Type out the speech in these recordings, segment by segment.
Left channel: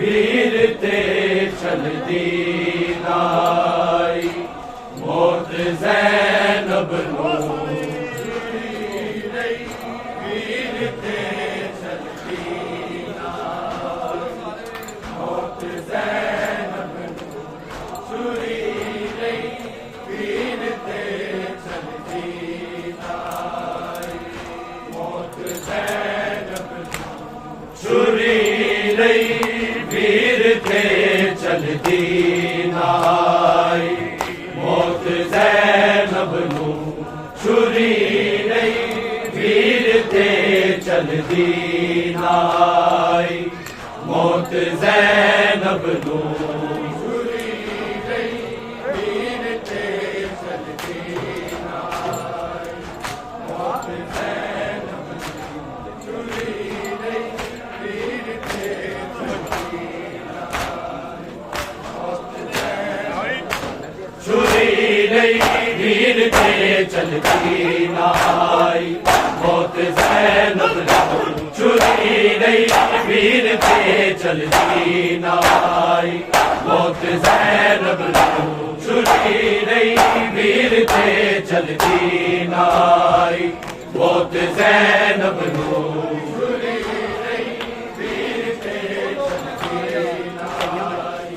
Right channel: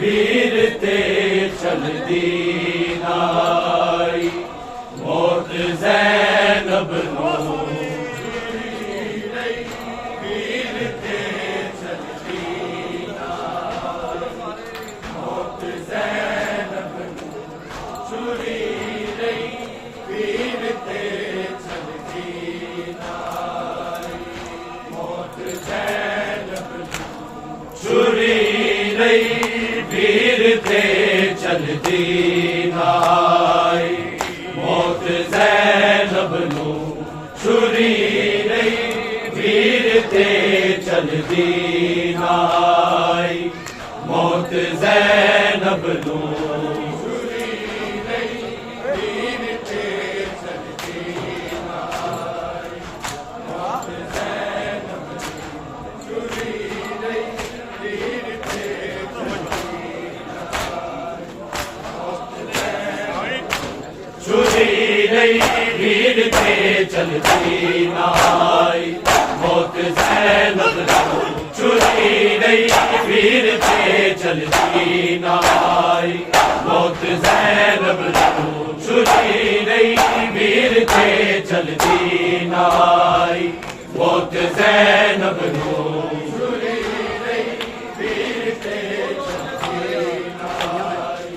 वीर ते चलदी नाई मौत ज़ैनब नू वीर ते चलदी मौत ज़ैनब नू छुरी लई वीर ते चलदी मौत ज़ैनब नू छुरी लई वीर ते चलदी नाई मौत ज़ैनब नू छुरी लई वीर ते चलदी नाई मौत ज़ैनब नू छुरी लई वीर ते चलदी नाई मौत ज़ैनब नू छुरी लई वीर ते छुरी लई वीर ते चलदी नाई मौत ज़ैनब नू छुरी लई वीर ते चलदी नाई मौत ज़ैनब नू छुरी लई वीर ते चलदी नाई मौत ज़ैनब नू छुरी लई वीर ते चलदी नाई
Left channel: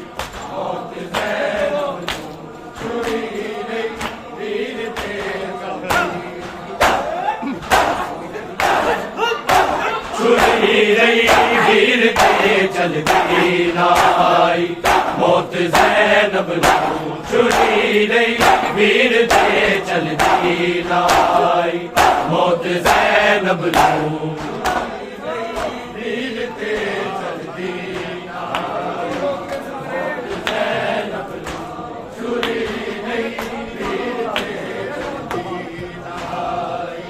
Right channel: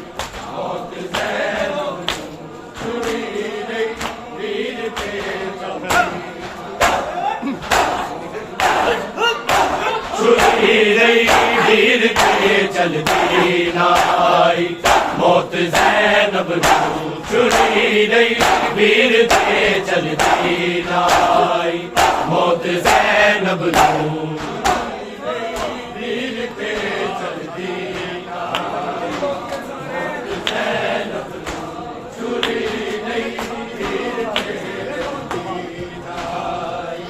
मौत ज़ैनब नू छुरी लई वीर ते छुरी लई वीर ते चलदी नाई मौत ज़ैनब नू छुरी लई वीर ते चलदी नाई मौत ज़ैनब नू वीर ते चलदी नाई मौत ज़ैनब नू छुरी लई वीर ते चलदी नाई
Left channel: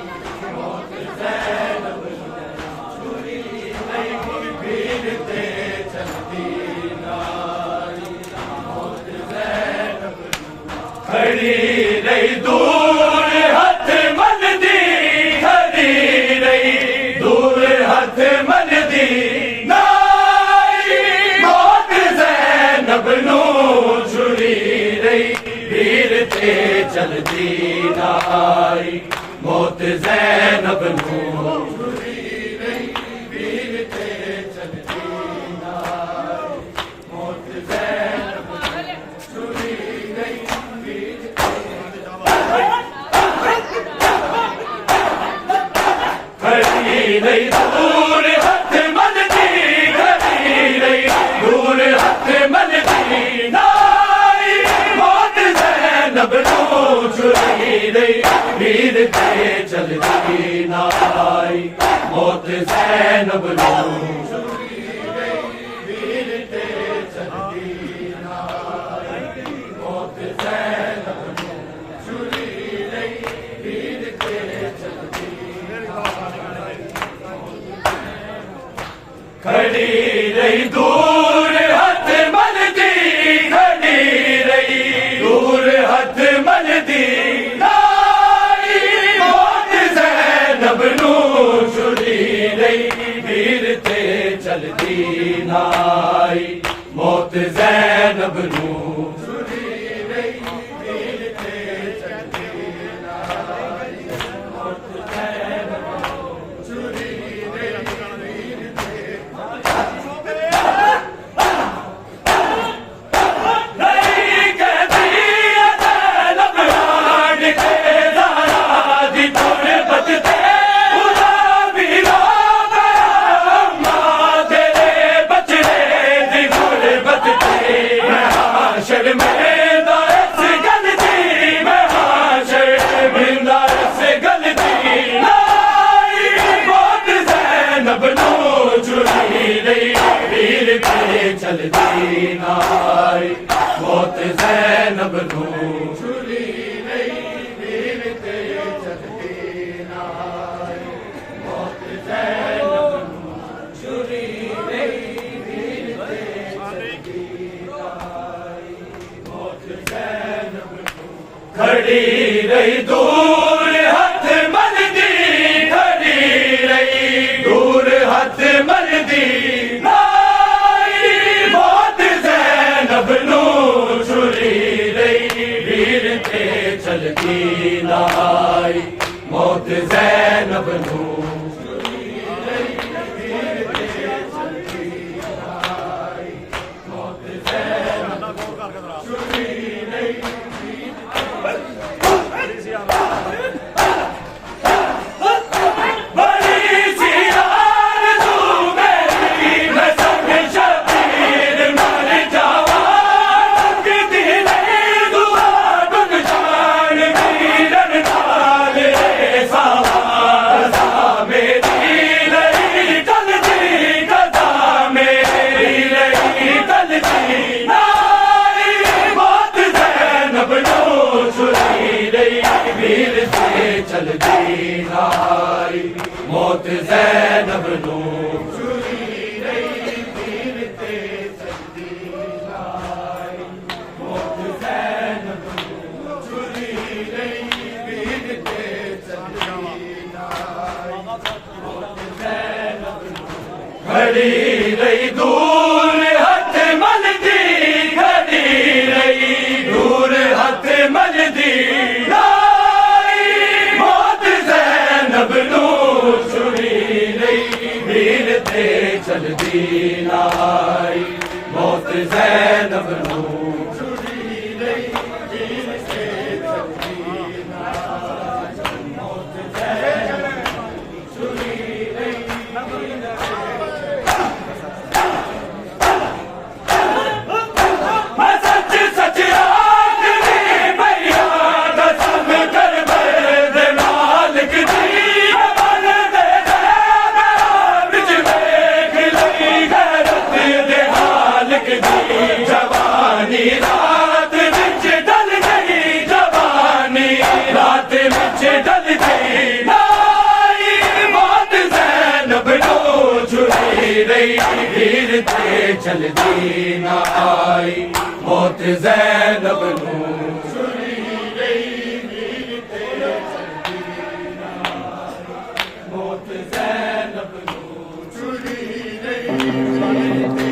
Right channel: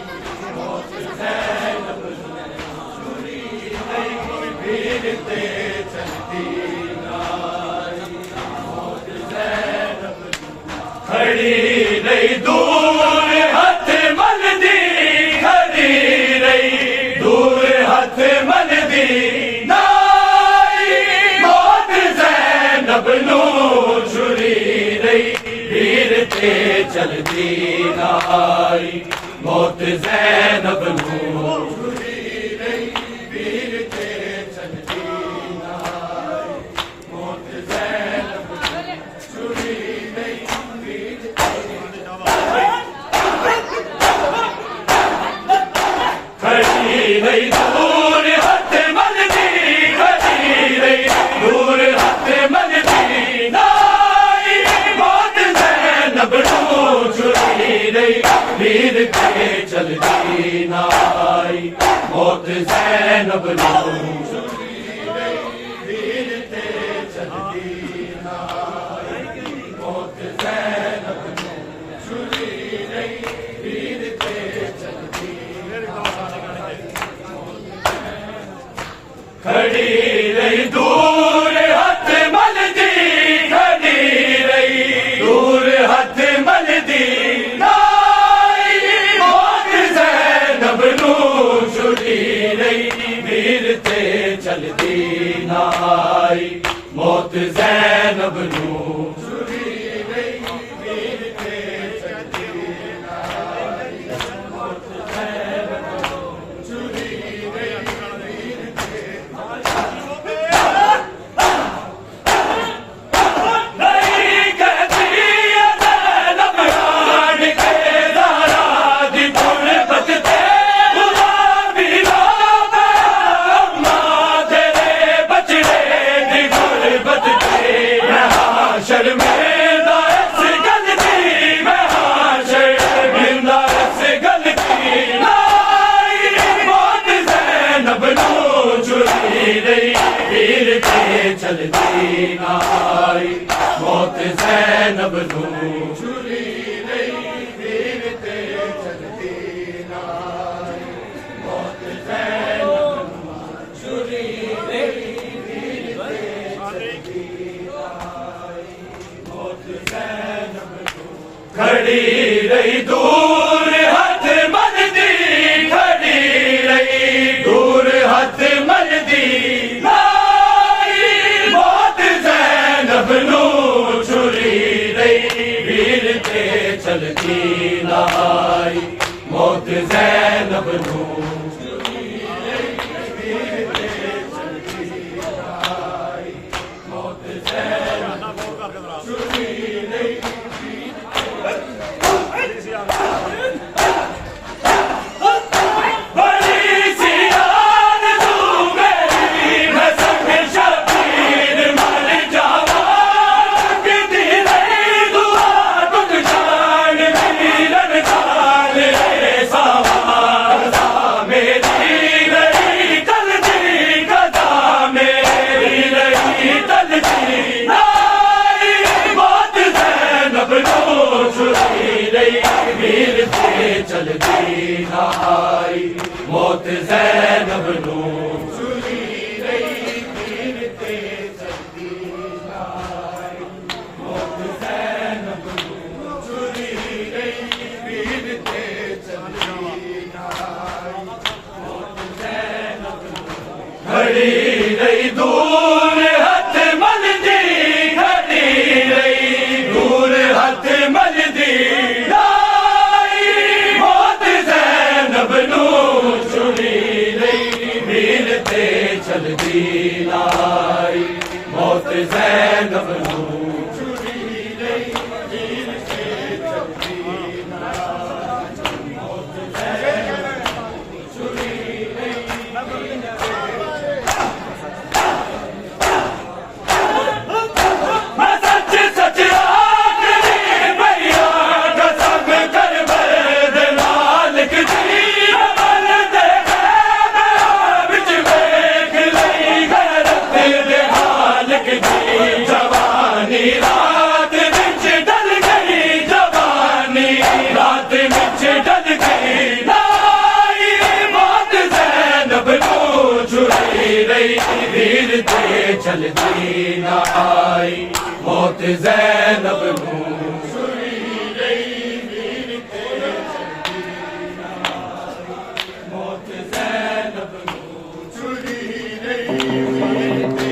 मौत ज़ैनब नू छुरी लई वीर ते चलदी नाई मौत ज़ैनब नू खड़ी रही दूर हथ मलदी खड़ी रही दूर हथ मलदी नाई मौत ज़ैनब नू छुरी लई वीर ते चलदी नाई मौत ज़ैनब नू छुरी लई वीर ते चलदी नाई मौत ज़ैनब नू छुरी लई वीर खड़ी रही दूर हथ मलदी खड़ी रही दूर हथ मलदी नाई मौत ज़ैनब नू छुरी लई वीर ते चलदी नाई मौत ज़ैनब नू छुरी लई वीर ते चलदी नाई मौत ज़ैनब नू छुरी लई वीर ते चलदी खड़ी रही दूर हथ मलदी खड़ी रही दूर हथ मलदी नाई मौत ज़ैनब नू छुरी लई वीर ते चलदी नाई मौत ज़ैनब नू छुरी लई वीर ते चलदी नाई मौत ज़ैनब नू छुरी लई वीर ते नहीं कहती ज़ैनब रान के दारा दी गुरबत ते खुदा भी रोवे अम्मा तेरे बचड़े दी गुरबत ते मैं हाशर में इस गलती मैं हाशर बिंदा इस गलती नाई मौत ज़ैनब नू छुरी लई वीर ते चलदी नाई मौत ज़ैनब नू छुरी लई वीर ते चलदी नाई मौत ज़ैनब नू छुरी लई वीर ते चलदी नाई मौत ज़ैनब नू खड़ी रही दूर हथ मलदी खड़ी रही दूर हथ मलदी नाई मौत ज़ैनब नू चल दी नाई मौत ज़ैनब नू चुरी रही वीर ते चलदी नाई मौत ज़ैनब नू चुरी रही वीर ते चलदी नाई मौत ज़ैनब नू खड़ी रही दूर हथ मलदी खड़ी रही दूर हथ मलदी चलदी नाई मौत ज़ैनब नू चुरी रही वीर ते चलदी नाई मौत ज़ैनब नू चुरी रही मैं सच सच आखरी भैया कसम कर बर्द नालक दी जवानी रात विच डल गई जवानी रात विच डल गई नाई मौत ज़ैनब नू चुरी रही वीर ते चलदी नाई मौत ज़ैनब नू चुरी रही वीर ते चलदी नाई मौत ज़ैनब नू चुरी रही वीर ते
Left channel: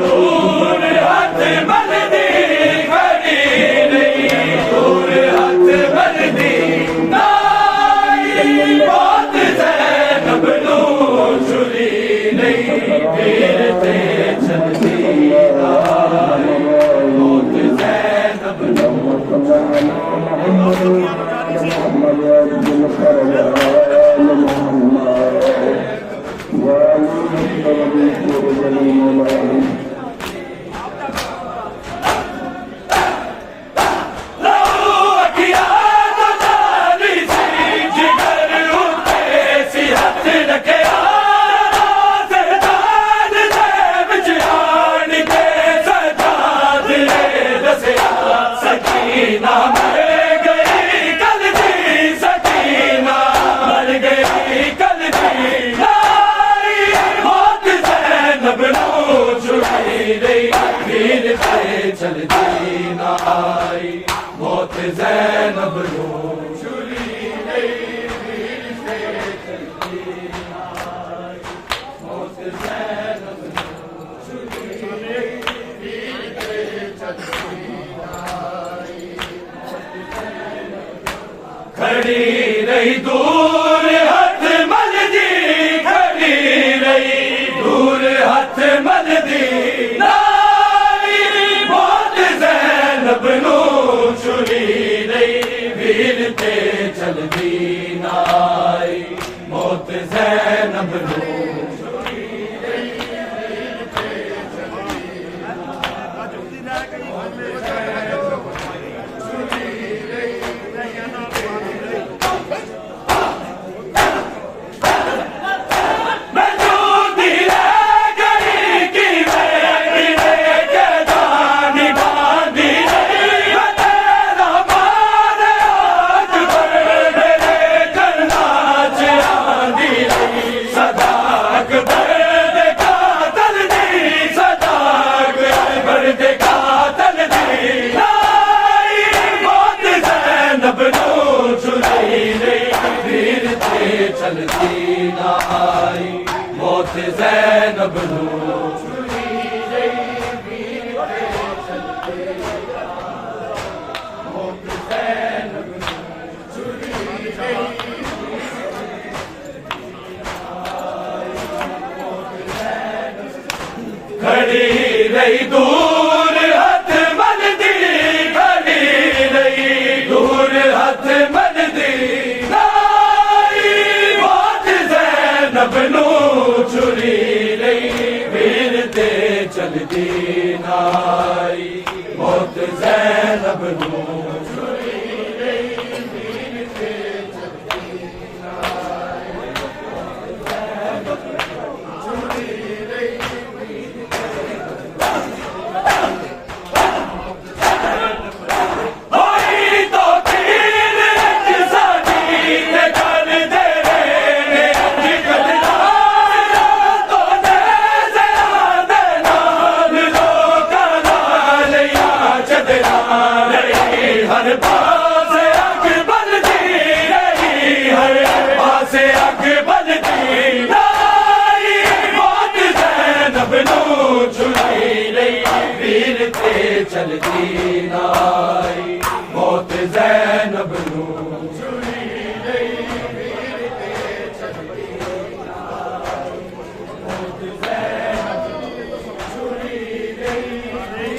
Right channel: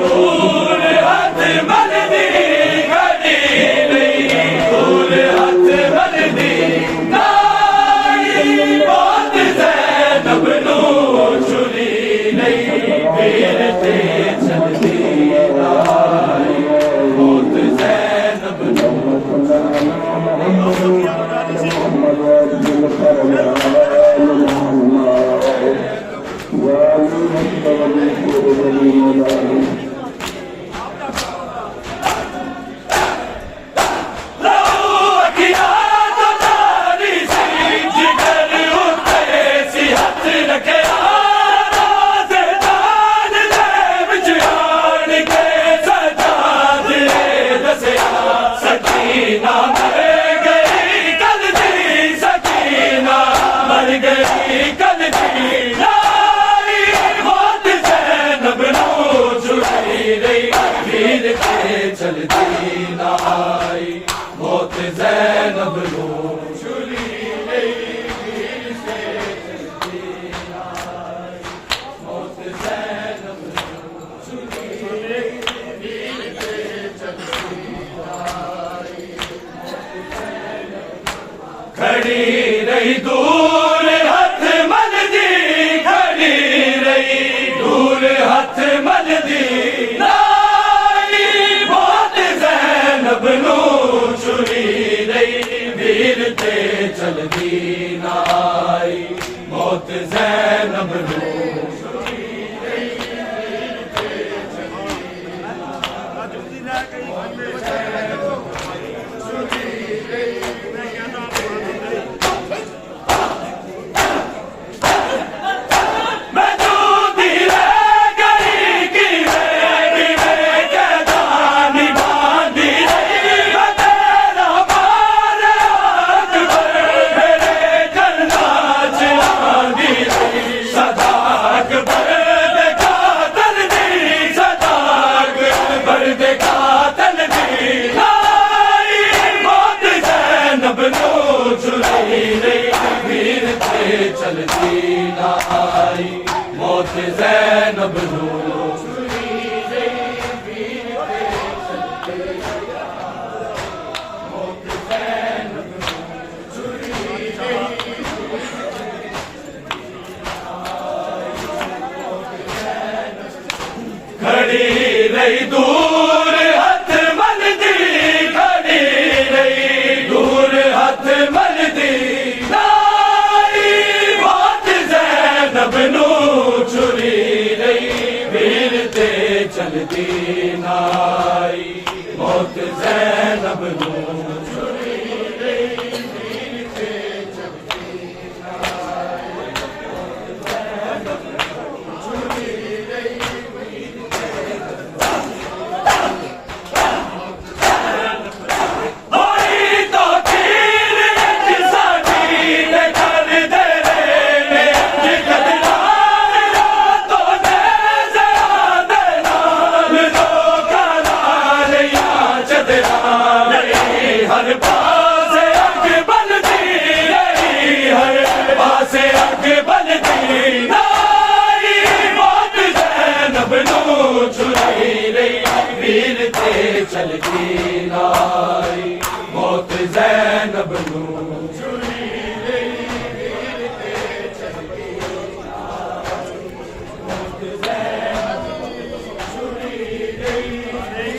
दूर हथ मलदी खड़ी रही दूर हथ मलदी नाई मौत ज़ैनब नू चुरी रही वीर ते चलदी नाई मौत ज़ैनब सकीना मर गई कल दी सकीना मर गई कल दी नाई मौत ज़ैनब नू चुरी रही वीर ते चलदी नाई मौत ज़ैनब नू चुरी रही वीर ते चलदी नाई मौत ज़ैनब नू चुरी रही वीर ते चलदी खड़ी रही दूर हथ मलदी खड़ी रही दूर हथ मलदी नाई मौत ज़ैनब नू चुरी रही वीर ते चलदी नाई मौत ज़ैनब नू चुरी रही वीर ते चलदी चलती नाई मौत ज़ैनब नू चुरी गई वीर ते चलती खड़ी रही दूर हथ मलदी खड़ी रही दूर हथ मलदी नाई बात ज़ैनब नू छुरी रही वीर ते चलदी नाई मौत ज़ैनब नू छुरी रही वीर ते चलदी नाई छुरी रही हर पास अग बलदी रही हर पास अग बलदी नाई मौत ज़ैनब नू छुरी रही वीर ते चलदी नाई मौत ज़ैनब नू छुरी रही वीर ते चलदी नाई मौत ज़ैनब नू छुरी रही वीर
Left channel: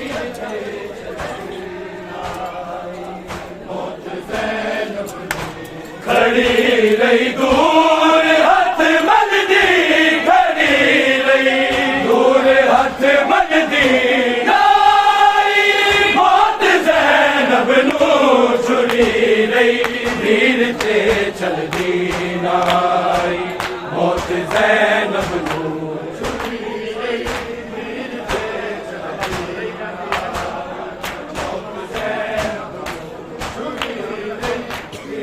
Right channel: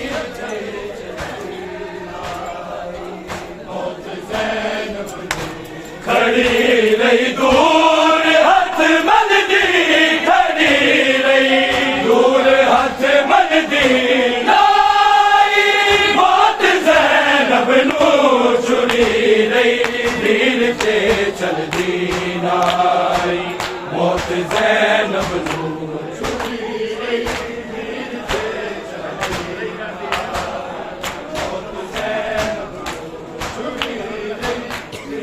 ते खड़ी रही दूर हथ मलदी खड़ी रही दूर हथ मलदी नाई मौत ज़ैनब नू छुरी रही वीर ते चलदी नाई मौत ज़ैनब नू छुरी रही वीर ते चलदी नाई मौत ज़ैनब नू छुरी रही वीर ते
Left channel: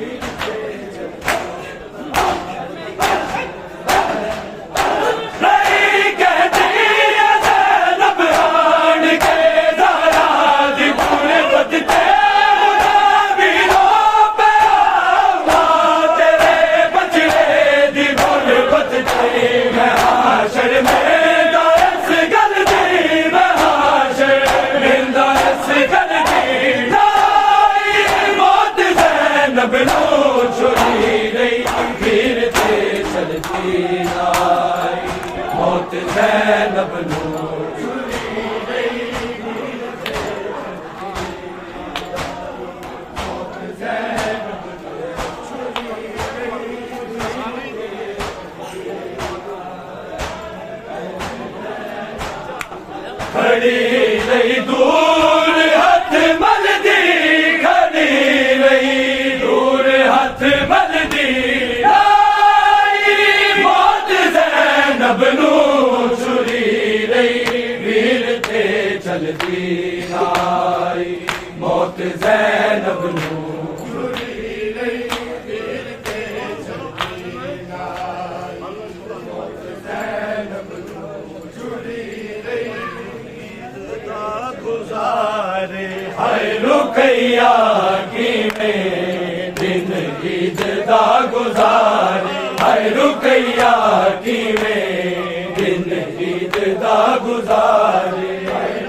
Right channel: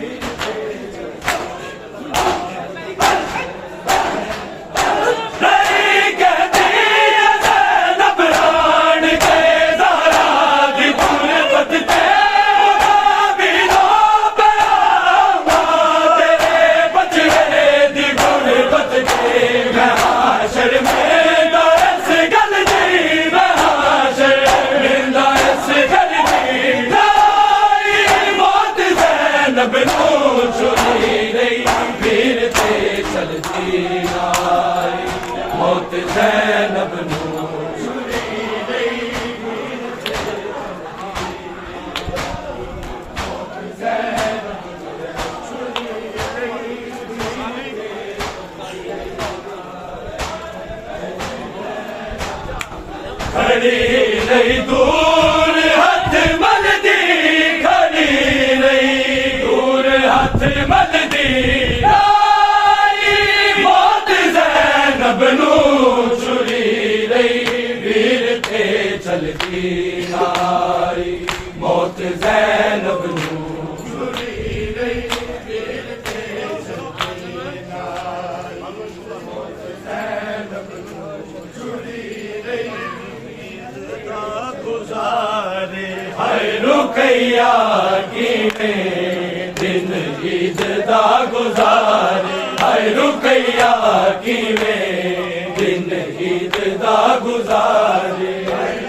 ज़ैनब नू छुरी रही वीर ते चलदी नाई मौत ज़ैनब नू छुरी रही वीर ते मौत ज़ैनब नू छुरी रही खड़ी रही दूर हथ मलदी खड़ी रही हथ मलदी नाई मौत ज़ैनब नू छुरी रही वीर ते चलदी नाई मौत ज़ैनब नू छुरी रही वीर ते चलदी नाई मौत ज़ैनब नू छुरी रही गुज़ारे हाय रुकैया किवें दिन ईद दा गुज़ारे हाय रुकैया किवें दिन ईद दा गुज़ारे